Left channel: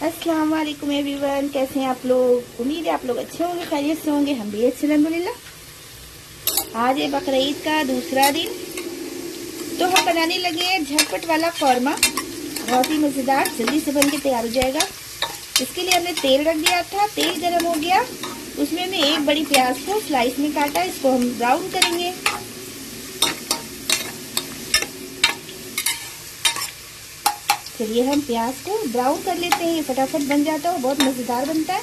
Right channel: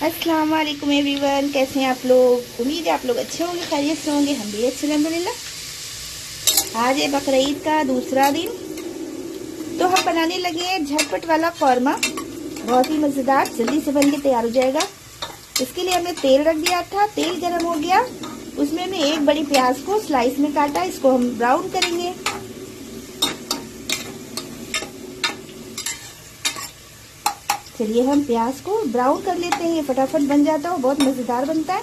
अस्सलाम वालेकुम एवरीवन, कैसे हैं आप लोग। उम्मीद है आप लोग अच्छे होंगे, खैरियत से होंगे। हम भी अच्छे अल्हम्दुलिल्लाह। आज है बकरीद का दूसरा दिन, तो हम बनाने लगे हैं झटपट वाला कौरमा। बहुत ही मज़ेदार, जल्दी से बन के तैयार हो जाएगा। इसके लिए हमने तेल रख दिया था, तेल गर्म हो गया, उसमें हमने एक बड़ी प्याज को स्लाइस में काटा। इसको हम ब्राउन करेंगे। चलिए हम प्याज को ब्राउन कर लेते हैं, ये फटाफट बन जाता है, बहुत मज़ेदार बनता है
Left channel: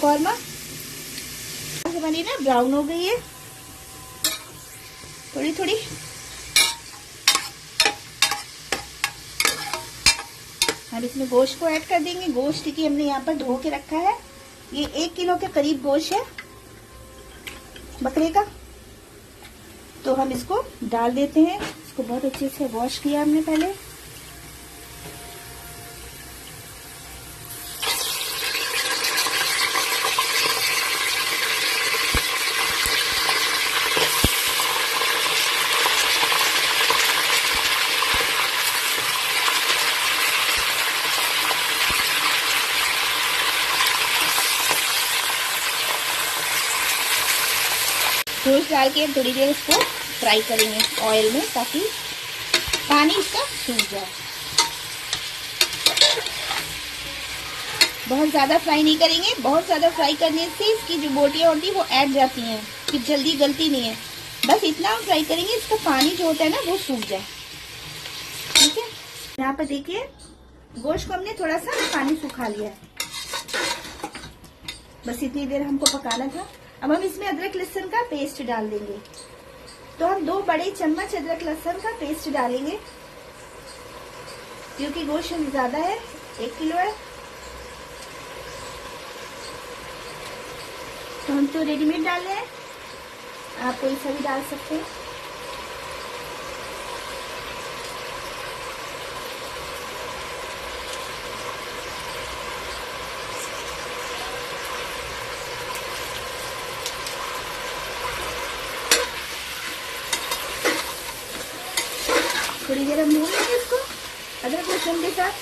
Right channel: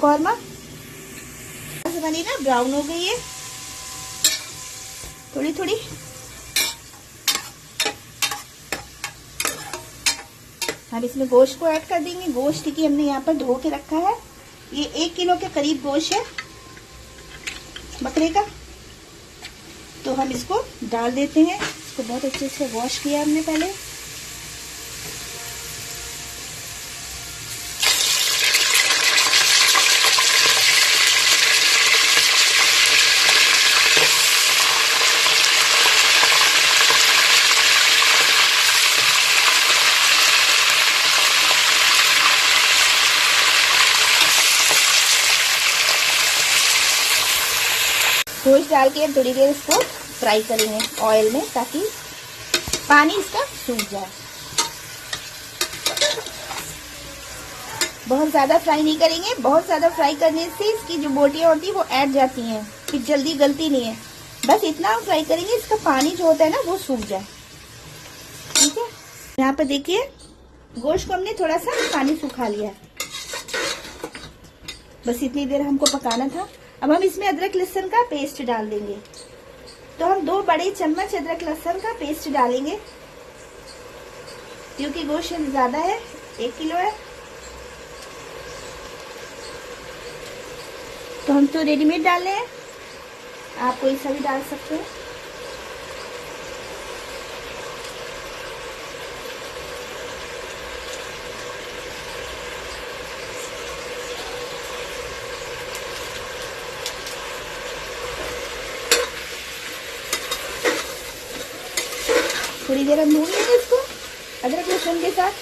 कौरमा। बनी ना, ब्राउन हो गई है थोड़ी थोड़ी। हम इसमें गोश्त को ऐड कर देंगे। गोश्त की हमने यहाँ पर धो के रखा है, ये 1 किलो के करीब गोश्त है बकरे का। तो हम इसको डाल देते हैं। इसको बहुत अच्छे से वॉश किया हमने पहले। गोश्त डाल के थोड़ी देर इसको फ्राई करेंगे ऑयल में, ताकि पानी इसका सूख जाए। बहुत ज़्यादा फ्राई नहीं करेंगे, बहुत ज़्यादा फ्राई करने से इसकी जो बोटियाँ होती है वो ऐड जाती हैं, फिर जल्दी गलती नहीं है। बस इतना हम फ्राई करेंगे, इसका पानी जो होता है ना वो सूख जाए। ठीक है, यहाँ पर देखिए गोश्त को हमने थोड़ा सा पानी सुखा लिया है। बस इतनी देर हमको पकाना था। अब हम इसमें अदरक लहसुन का पेस्ट डाल देंगे। तो हम 2 बड़े चम्मच अदरक लहसुन का पेस्ट डालेंगे, क्योंकि गोश्त ज्यादा है, 1 किलो है। तो हम तो रेडीमेड डाले हैं, आप कोई सा भी डाल सकते हैं। थोड़ी देर हम भून लेंगे इसको अदरक लहसुन के साथ।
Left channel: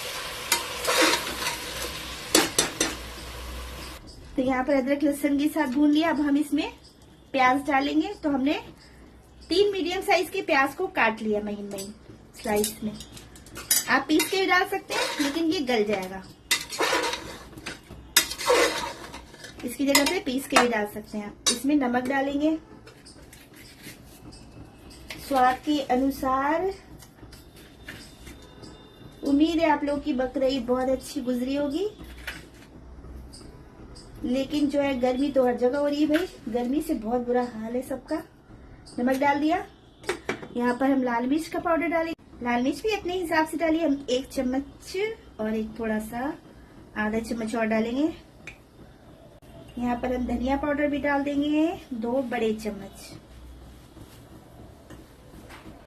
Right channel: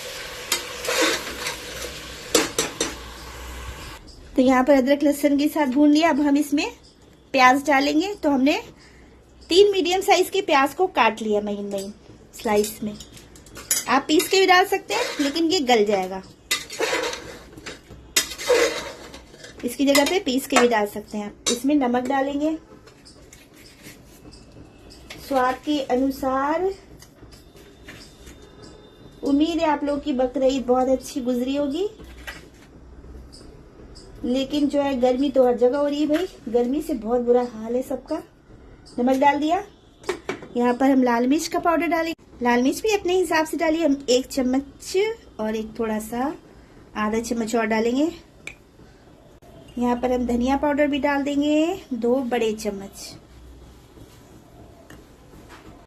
तो यहाँ पर अदरक लहसुन के साथ भून लिया। अब हम इसमें प्याज डालेंगे। तो हमने 3 मीडियम साइज के प्याज को काट लिया महीन महीन स्लाइस में। आप पीस के भी डाल सकते हैं, लेकिन ये गल जाएगा। इसकी जगह पे पीस के भी डाल सकते हैं। इसमें नमक डालेंगे स्वाद के अनुसार। उम्मीद है आप लोग की बकरीद बहुत अच्छी गुजरी होगी, लेकिन जो है गर्मी तो हर जगह हो रही है भाई। गर्मी से बहुत बुरा हाल है सबका। नमक डाल दिया। यहाँ पर हम लाल मिर्च का पाउडर डालेंगे। लाल मिर्च भी अपने हिसाब से डालिए। हम 1 चम्मच और एक थोड़ा सा आधा चम्मच और डालेंगे। यहाँ पर हम धनिया पाउडर भी डाल देंगे 2 बड़े चम्मच।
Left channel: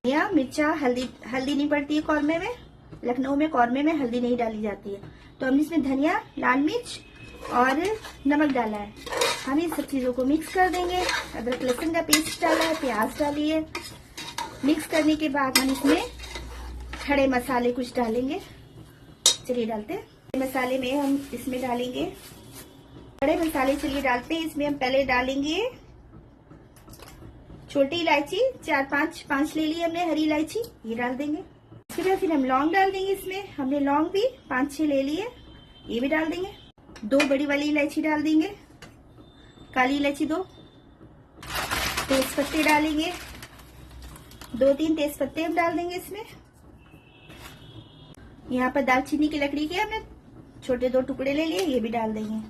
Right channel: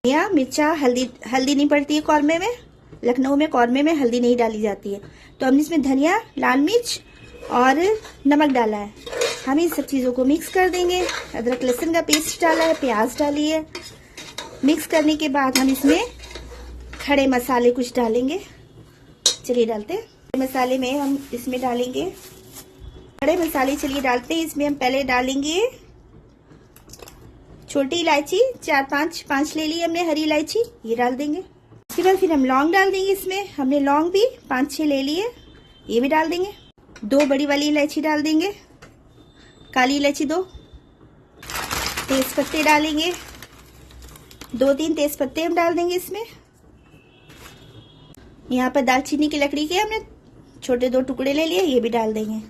या मिर्चा हल्दी नहीं पड़ती है कौरमे में। लखनऊ में कौरमे में हल्दी नहीं डाली जाती है। तो हमने इसमें धनिया, लाल मिर्च और नमक डाला है। हम इन सब चीज़ों को मिक्स कर देंगे। अदरक लहसुन का पेस्ट डाला है, प्याज डाली है। मिक्स करने के बाद हम इसमें खड़े मसाले कुछ डालेंगे। चलिए डालते हैं। मसाले में हम इसमें डालेंगे खड़े मसाले। चलिए डालते हैं। इसमें हम पहले डालेंगे छोटी इलायची, 4-5 ले ली हमने हरी इलायची, ये डाल देंगे। इसके बाद फिर हम लौंग डाल देंगे। इसमें हमने लौंग भी 5-6 ले लिए, ये भी डाल देंगे। 2 बड़ी वाली इलायची डाल देंगे, काली इलायची 2। तेज पत्ते डालेंगे, 2-3 तेज पत्ते हम डाल देंगे इसमें। यहाँ पर दालचीनी की लकड़ी के हमने छोटे 2 टुकड़े ले लिए, ये भी डाल देंगे।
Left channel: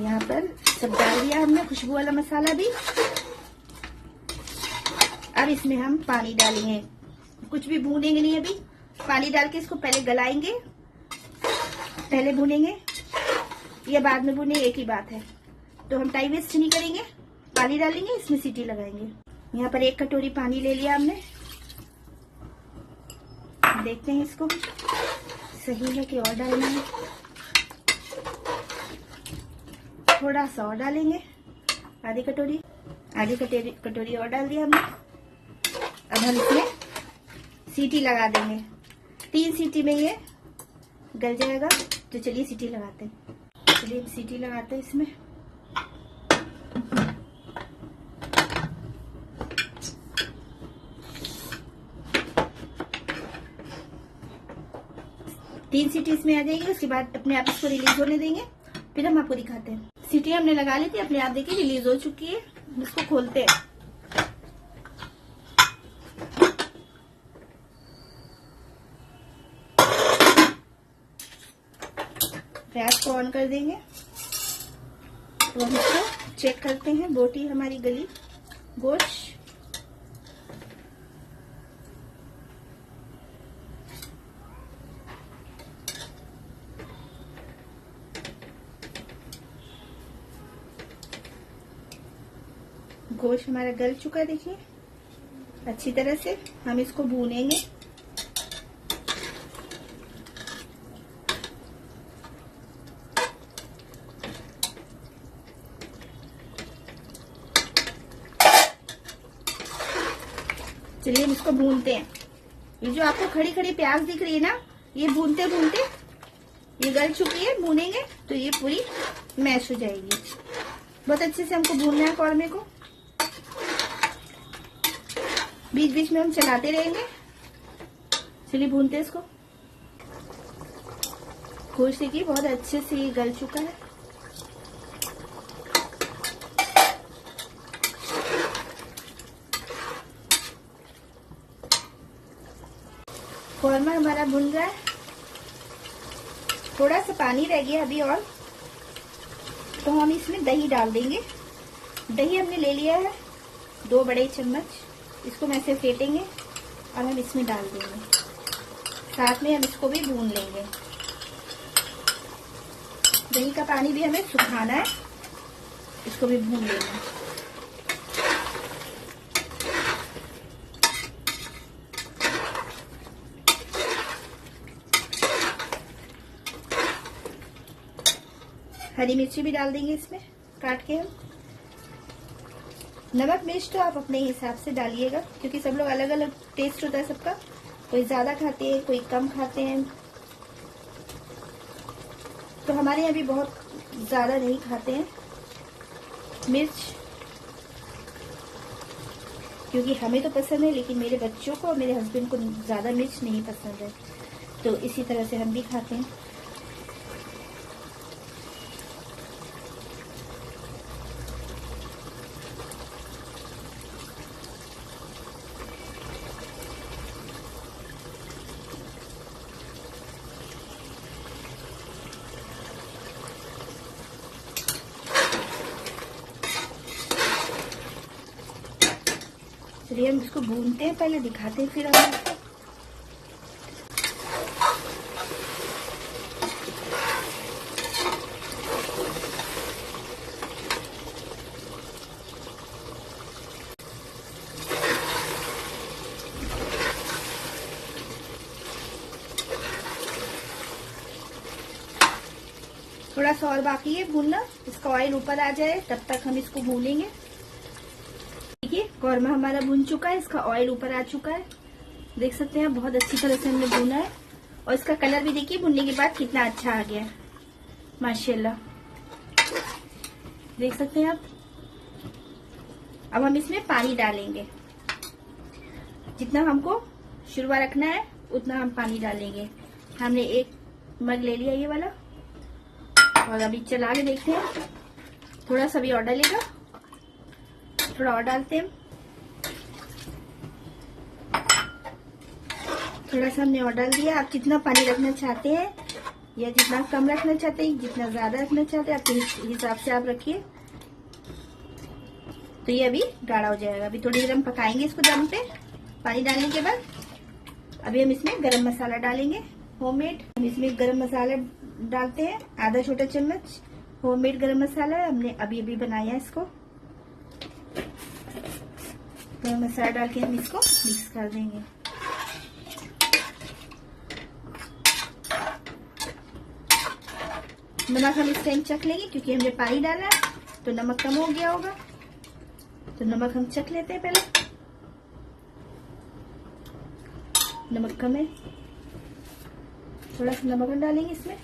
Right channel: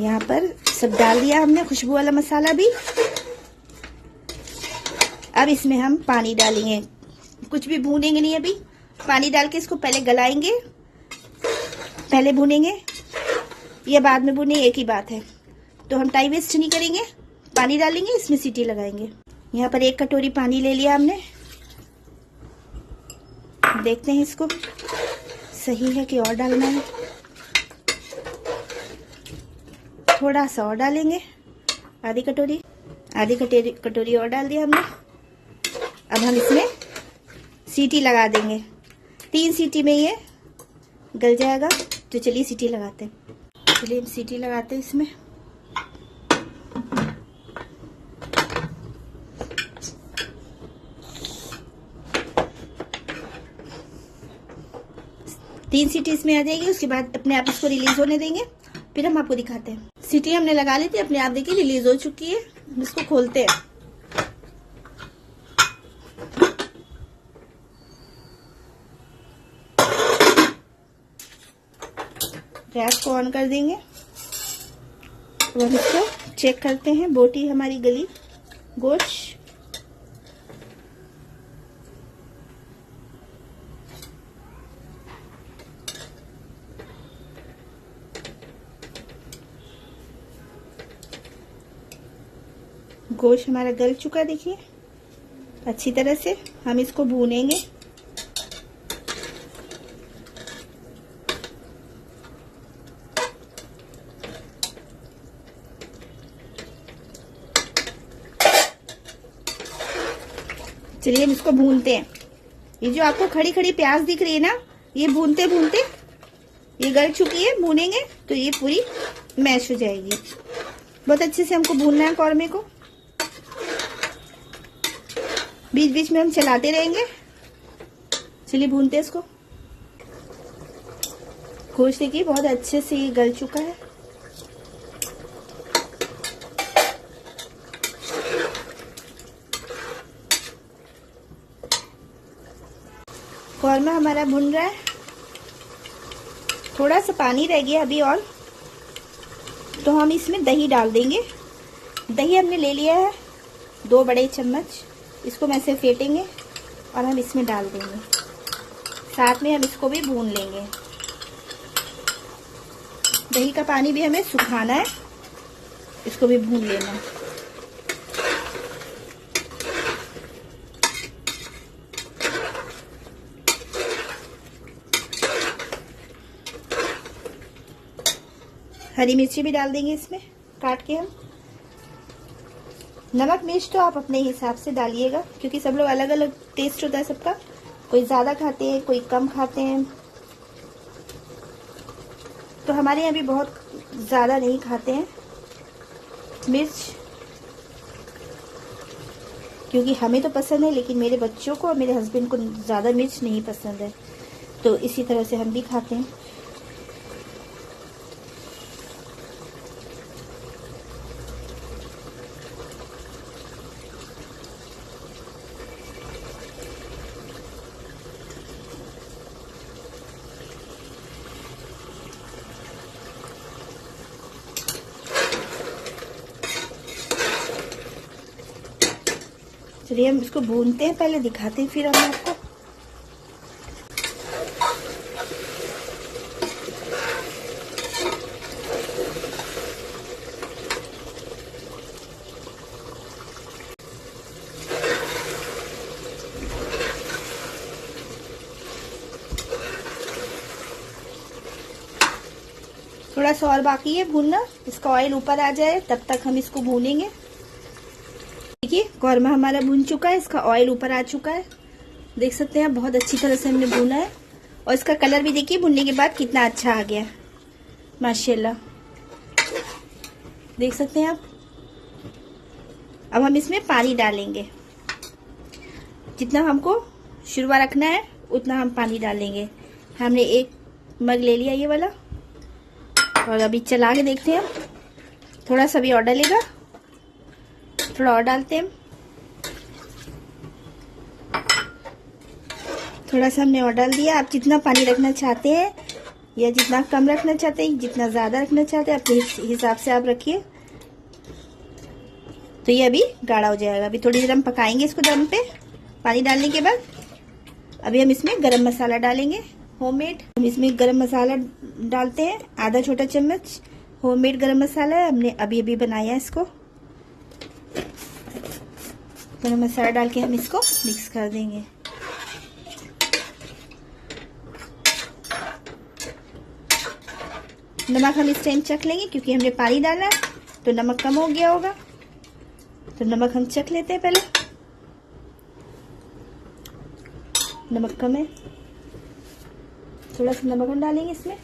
यहाँ पर सब डाल दिया हमने, खुशबू वाला मसाला भी। अब इसमें हम पानी डालेंगे, कुछ भी भूनेंगे नहीं अभी। पानी डाल के इसको पहले गलाएंगे, पहले भूनेंगे या बाद में भूनेंगे, एक ही बात है। तो हम टाइम वेस्ट नहीं करेंगे, पानी डालेंगे, इसमें सीटी लगाएंगे। यहाँ पर 1 कटोरी पानी ले लिया हमने। देखते हैं इसको सही है कि और डालना है। थोड़ा सा और डालेंगे, आधी कटोरी और डाल दिया हमने। अब हम इसमें सीटी लगा देंगे। 3 सीटी में ये गल जाएगा। तो चलिए सीटी लगाते हैं। चलिए हम सीटी लगाते हैं इसमें। तीन सीटी इसमें आ जाएगी, उसके बाद अपने आप इसको रिलीज होने देंगे, फिर हम आपको दिखाते हैं। सीटी हमने लगा ली थी, अपने आप देखिए रिलीज हो चुकी है। हम इसको खोलते हैं। गैस को ऑन कर देंगे। तो हम इसको चेक करते हैं, बोटी हमारी गली गोश्त। गोश्त हमारा गल चुका, देखिए अच्छी तरह से। हम इसको भूनेंगे। चलिए हम इसको भूनते हैं। ये जो आपको खड़ी खड़ी प्याज दिख रही है ना, ये भूनते भूनते ये गल चुकी है। भूनेंगे तो ये पूरी मैश हो जाएगी। बहुत अच्छे से हमको भूनना है कौरमे को। बीच बीच में हम चलाते रहेंगे। चलिए भूनते हैं इसको। गोश्त देखिए बहुत अच्छे से ये गल चुका है। कौरमा हमारा भुन रहा है। थोड़ा सा पानी रह गया अभी और, तो हम इसमें दही डाल देंगे। दही हमने ले लिया है 2 बड़े चम्मच। इसको मैं से फेंटेंगे और हम इसमें डाल देंगे। साथ में हम इसको भी भून लेंगे। दही का पानी भी हमें सुखाना है, इसको भी भून लेना। हरी मिर्ची भी डाल देंगे इसमें काट के हम। नमक मिर्च तो आप अपने हिसाब से डालिएगा, क्योंकि सब लोग अलग अलग टेस्ट होता है सबका। कोई ज्यादा खाते हैं, कोई कम खाते हैं। तो हमारे यहाँ भी बहुत ज्यादा नहीं खाते हैं मिर्च, क्योंकि हमें तो पसंद है, लेकिन मेरे बच्चों को और मेरे हस्बैंड को ज्यादा मिर्च नहीं पसंद है। तो इसी तरह से हम भी खाते हैं। चलिए हम इसको भूनते हैं, पहले दिखाते हैं फिर हम आपको। थोड़ा सा और बाकी है भूनना, इसका ऑयल ऊपर आ जाए तब तक हम इसको भूनेंगे। देखिए कौरमा हमारा भून चुका है, इसका ऑयल ऊपर आ चुका है। देख सकते हैं बहुत अच्छी तरह से हमने भूना है, और इसका कलर भी देखिए भुनने के बाद कितना अच्छा आ गया, माशाल्लाह। देख सकते हैं आप। अब हम इसमें पानी डालेंगे। जितना हमको शुरुआ रखना है उतना हम पानी डालेंगे। हमने 1 मग ले लिया ये वाला, और अभी चला के देखते हैं। थोड़ा सा भी और डालेगा, थोड़ा और डालते हैं। थोड़ा सा हमने और डाल दिया। आप जितना पानी रखना चाहते हैं या जितना कम रखना चाहते हैं, जितना ज्यादा रखना चाहते हैं, अपने हिसाब से आप रखिए। तो ये अभी गाढ़ा हो जाएगा। अभी थोड़ी देर हम पकाएंगे इसको दम पे पानी डालने के बाद। अभी हम इसमें गरम मसाला डालेंगे होममेड। हम इसमें गरम मसाला डालते हैं, आधा छोटा चम्मच होममेड गरम मसाला है, हमने अभी अभी बनाया है इसको। गरम मसाला डाल के हम इसको मिक्स कर देंगे। नमक हम इस टाइम चख लेंगे, क्योंकि हमने पानी डाला है तो नमक कम हो गया होगा। तो नमक हम चख लेते हैं पहले। नमक कम है, थोड़ा सा नमक हम डालेंगे इसमें।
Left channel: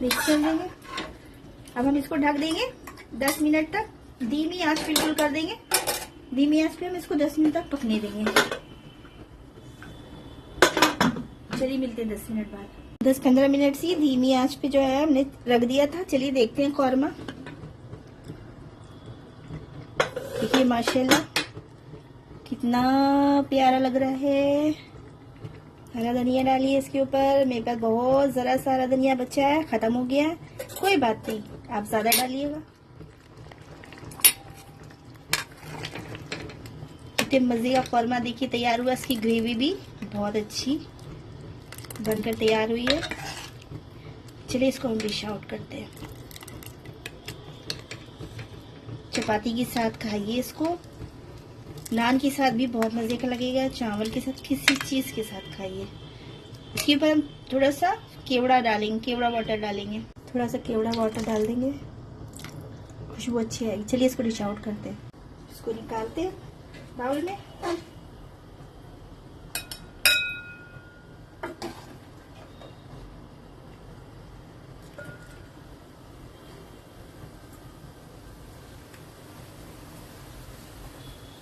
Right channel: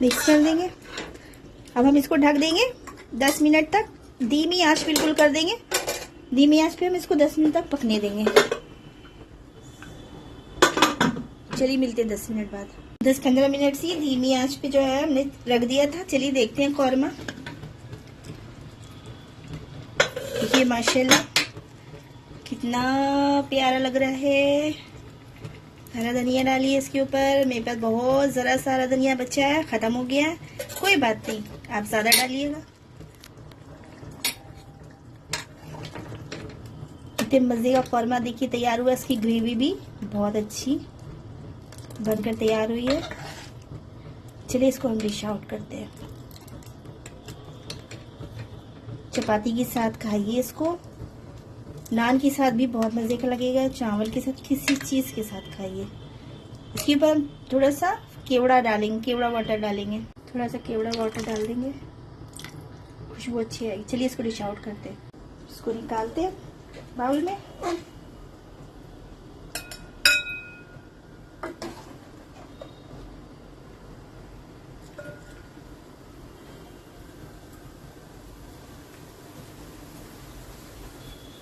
मिक्स कर देंगे। अब हम इसको ढक देंगे 10 मिनट तक, धीमी आंच बिल्कुल कर देंगे। धीमी आंच पे हम इसको 10 मिनट तक पकने देंगे। चलिए मिलते हैं 10 मिनट बाद। 10-15 मिनट से धीमी आंच पे जो है हमने रख दिया था। चलिए देखते हैं कौरमा। देखिए माशाल्लाह कितना प्यारा लग रहा है। हरा धनिया डालिए इसके ऊपर। मेरे पास बहुत ज़रा सारा धनिया बचा है, ख़त्म हो गया है। कोई बात नहीं, आप ज़्यादा डालिएगा। इतने मज़े का कौरमा देखिए तैयार हुआ। इसकी ग्रेवी भी बहुत अच्छी बनकर तैयार हुई है। चलिए इसको हम डिश आउट करते हैं। चपाती के साथ खाइए इसको, नान के साथ भी बहुत मज़े का लगेगा, चावल के साथ, किसी चीज़ के साथ खाइए। इसके ऊपर हम थोड़ा सा केवड़ा डालेंगे, केवड़ा वाटर डालेंगे। थोड़ा सा केवड़ा वाटर डाल देंगे, खुशबू अच्छी आएगी। चलिए इसको डिश आउट करते हैं। इसको निकालते हैं बाउल में।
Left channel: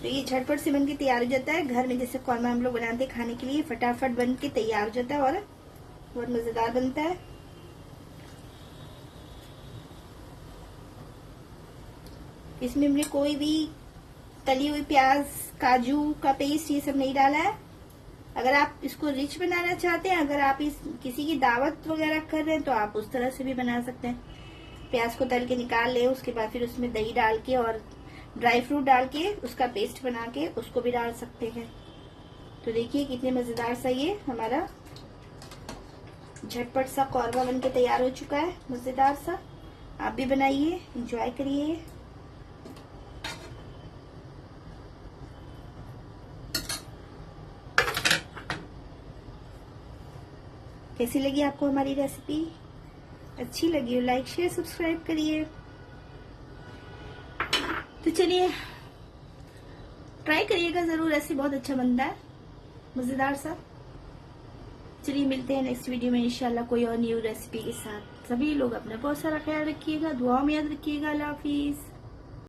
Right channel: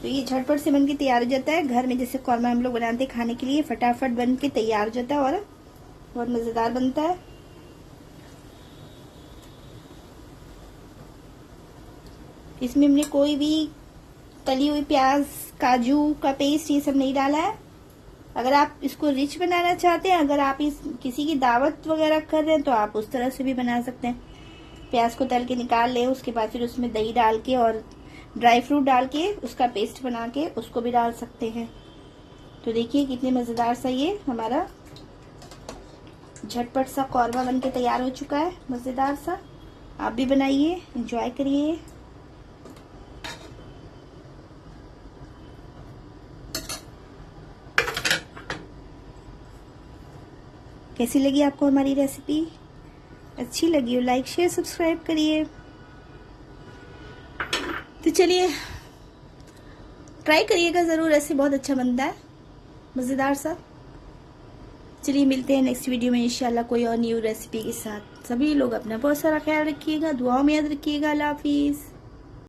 तो ये झटपट से बनके तैयार हो जाता है। घर में जैसे कौरमा हम लोग बनाते हैं खाने के लिए, फटाफट बन के तैयार हो जाता है और बहुत मजेदार बनता है। इसमें हमने कोई भी तली हुई प्याज, काजू का पेस्ट ये सब नहीं डाला है। अगर आप इसको रिच बनाना चाहते हैं, अगर आप किसी की दावत वगैरह कर रहे हैं तो आप उस तरह से भी बना सकते हैं। प्याज को तल के निकाल ले, उसके बाद फिर उसमें दही डाल के और ड्राई फ्रूट डाल के उसका पेस्ट बना के उसको भी डाल सकते हैं। तो देखिए कितने मजेदार सा ये हमारा झटपट सा कौरमा बन के तैयार हो चुका है, मजेदार सा। आप भी बनाइए, एंजॉय करिए। कैसी लगी आपको हमारी रेसिपी? अच्छी लगी हो लाइक शेयर सब्सक्राइब करिए। तो चलिए ट्राई करिएगा जरूर, ऐसे बहुत अच्छा बनता है, मजेदार सा। चलिए मिलते हैं नेक्स्ट वीडियो में इंशाल्लाह कोई और न्यू रेसिपी के साथ। सभी लोग अपना बहुत सारा ख्याल रखिएगा, दुआओं में याद रखिएगा। अल्लाह हाफिज।